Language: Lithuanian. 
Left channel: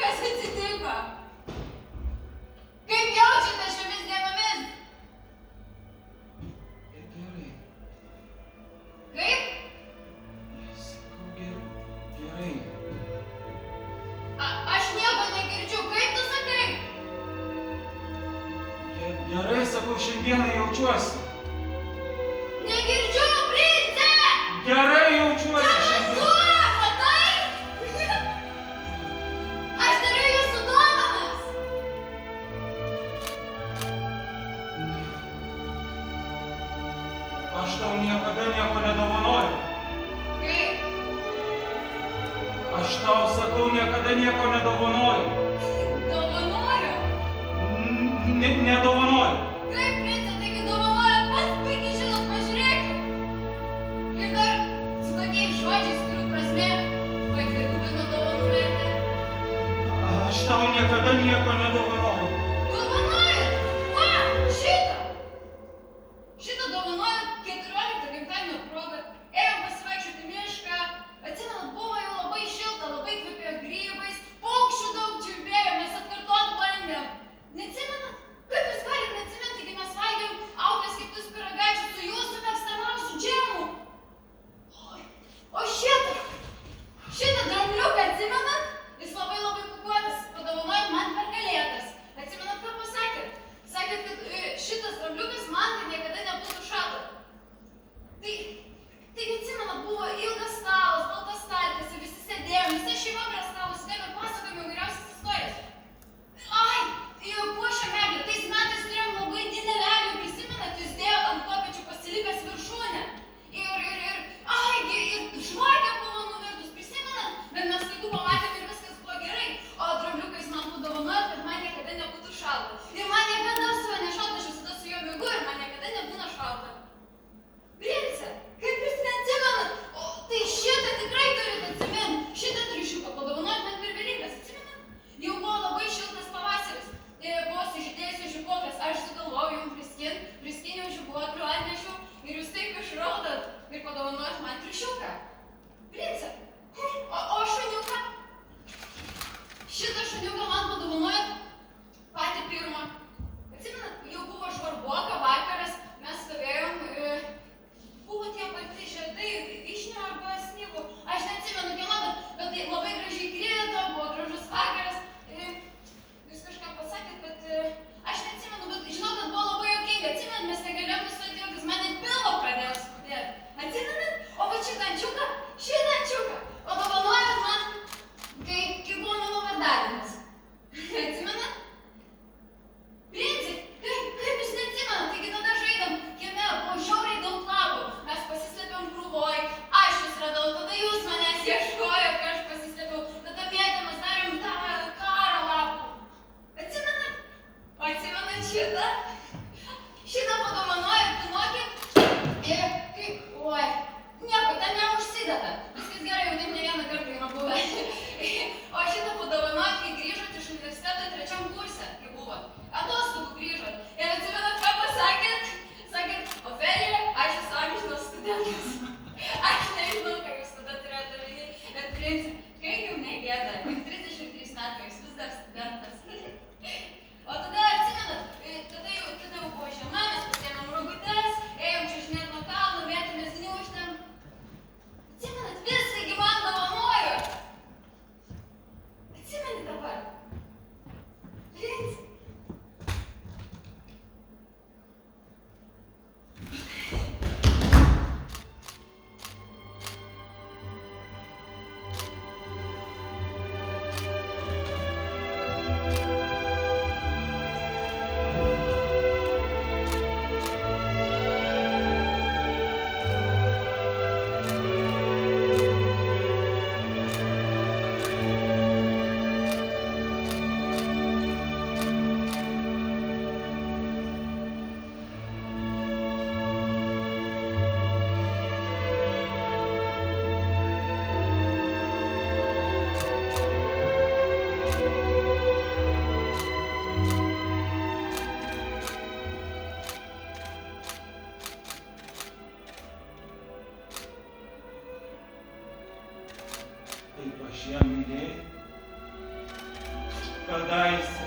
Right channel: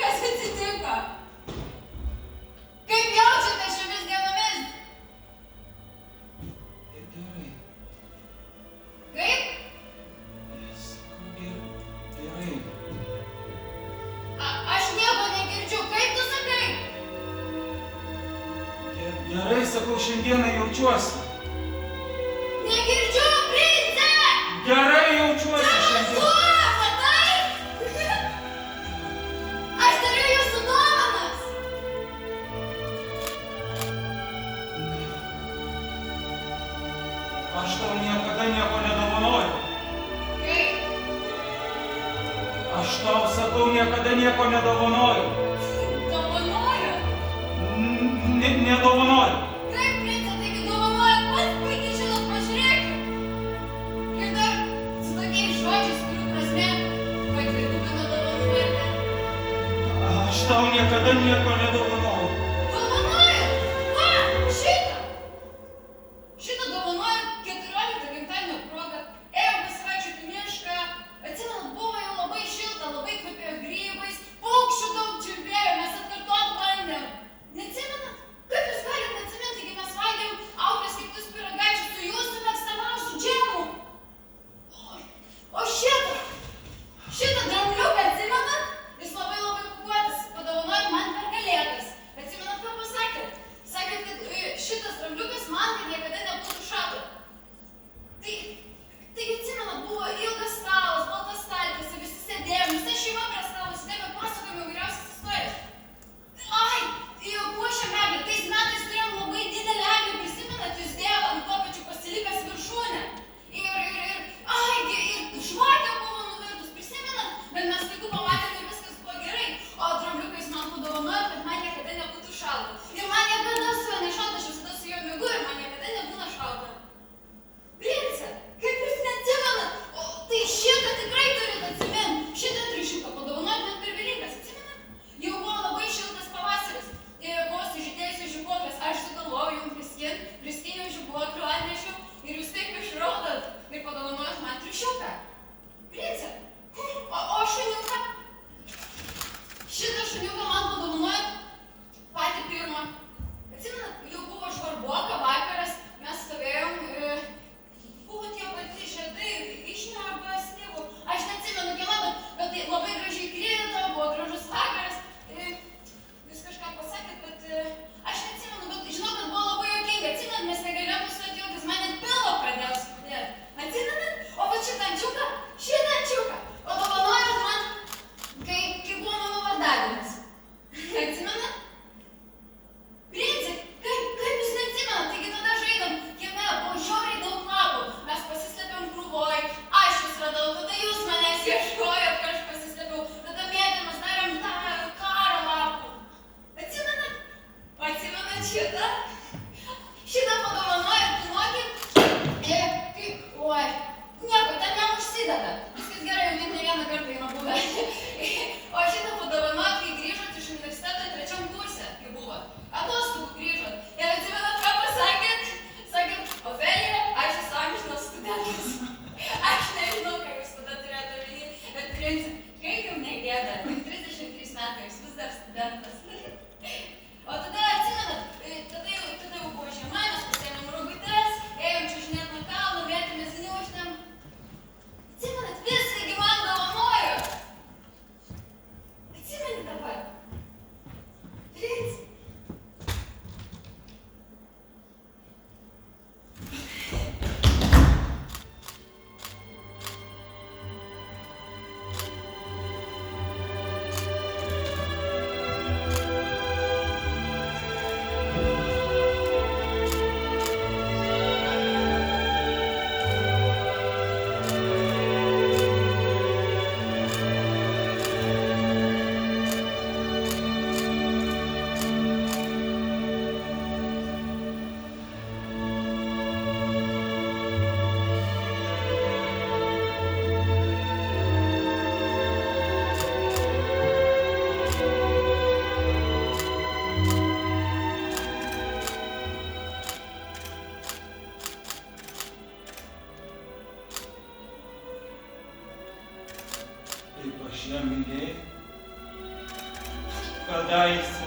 Kas atsitiko? Kaip jaučiate šiomis dienomis? Gerai. Kaip? Gerai. Aš nieko negirdžiu. Kaip tu sakai? Gerai, sakau, šiandieną jaučiuosi. Negirdžiu, prince! Gerai jaučiuosi šiandien. Cenzūra, matai? Aš turiu jūsų dovanas. Aš tau niekada nieko nedovanoju. Kaip? Aš tau sakau, niekada nieko nedovanoju. Dovanoju? Nedovanoju. Kaip, prince, taigi dovanojat pats puikiai žinot, pažiūrėkit. Ir dar su tokiais žodžiais, kurių prasme, kad dvigubina dovanų vertę. Aš tau niekada nieko nedovanoju. Dovanojat? Ką? Šitą? Šitą dovanoju 14 gimtadienio proga. Ėjom pasivaikščioti į mišką. Atsimenat, buvo jau labai šilta, labai kvepėjo grybais, paukščių daug čiulbėjo, mes atkartot bandėm. Neatsimenat? Kaip jūs galit neatsiminti, kai mes valgėm auklės keptus pyragaičius su jūsų mėgstamiausiu džemu? O šitą drambliuką atsimenat? Jis labai pūkuotas, padovanojot man per kalėdas. Atsimenat, ką pasakėt? Sakėt, kad šitas drambliukas man tai niekada nebūtų šato. Tai atsimenat, buvo ilgas stalas, baltas staltiesė, visi sėdėjom, visa šeima prie stalo sėdėjom ir pasakojom įvairiausias istorijas. Ai, puošia medį, tais metais turėjom labai didelę eglę, prisimenat, jūs dėjot ant to pačiu pasilikęs viršūnę. Ir žvakė buvo nuvirtus, prisimenat, bet mes laiku pamatėm ir viskas buvo gerai, o drambliukais man padovanojo, kad man niekada nebūtų šalta. Ir man niekada su juo nešalta, aš visada su juo miegu ir man niekada nebūna šalta. Prince, kaip jūs neatsimenat? O tai šitą tikrai turit atsimint. Šitą triušiuką padovanojot man per Velykas, atsimenat? Jau buvo labai šiltas pavasaris. Buvo sužydėjusios žibuoklės. Aš sugalvojau jums priskyniau žibuoklių, atnešiau ir jūs taip išraudot ir padovanojot man triušiuką. Prince, o šuniuką? Šitą šuniuką man padovanojot patį pirmą. Atsimenat, jau buvo žvarboka vakaras, mes stovėjom, buvo tie patys žiedai, vyšnių arba slyvų. Aš neatsimenu kieno, bet tai labai gražiai krito, buvo gražus vakaras. Jūs kažką pasakėt, bet aš neatsimenu, bet žinau, kad buvo labai juokinga. Atsimenat, mes negalėjom pasakyti, jis man net pilvo pradėjo skudėti. Atsimenat? O va šitą ančiuką, o dovanojot man, kai buvo mano vardadienis. Atsimenat? Prince, kaip jūs neatsimenat? Taigi tada žaidėm kieme, buvo žiauriai daug lapų. Mes pasislėpėm krūvoj, aš jūs radau, tada jūs manęs ieškojot, kai aš pasislėpiau. Tada mėtėmės darėm tą karą lapų. Atsimenat? Atsimenat šitą? Šitą padovanojot Pinokį? Nieko, ten neužsideda. Viskas gerai, jau net ne vieną kartą yra buvę. O šitą padovanojot, kai grįžot iš universiteto 3 kurse, kai buvot. Atostogų grįžot. Ir atsimenat, ką pasakėt? Sakėt, Ofelija, aš esu amžinas studentas. Aš nežinau, ką jūs tada turėjote omeny, bet Prince, kaip jums negėda, 33 metai, jūs vis dar studentas. O tada atsimenat, tada jau buvo žiema, mes pasiėmėm rogutes, ėjom čiuožinėt nuo kalno, vietėmės gniaužtėm. Atsimenat, viską gi man dovanojo. Atsimenat dabar. Prince. Kadaise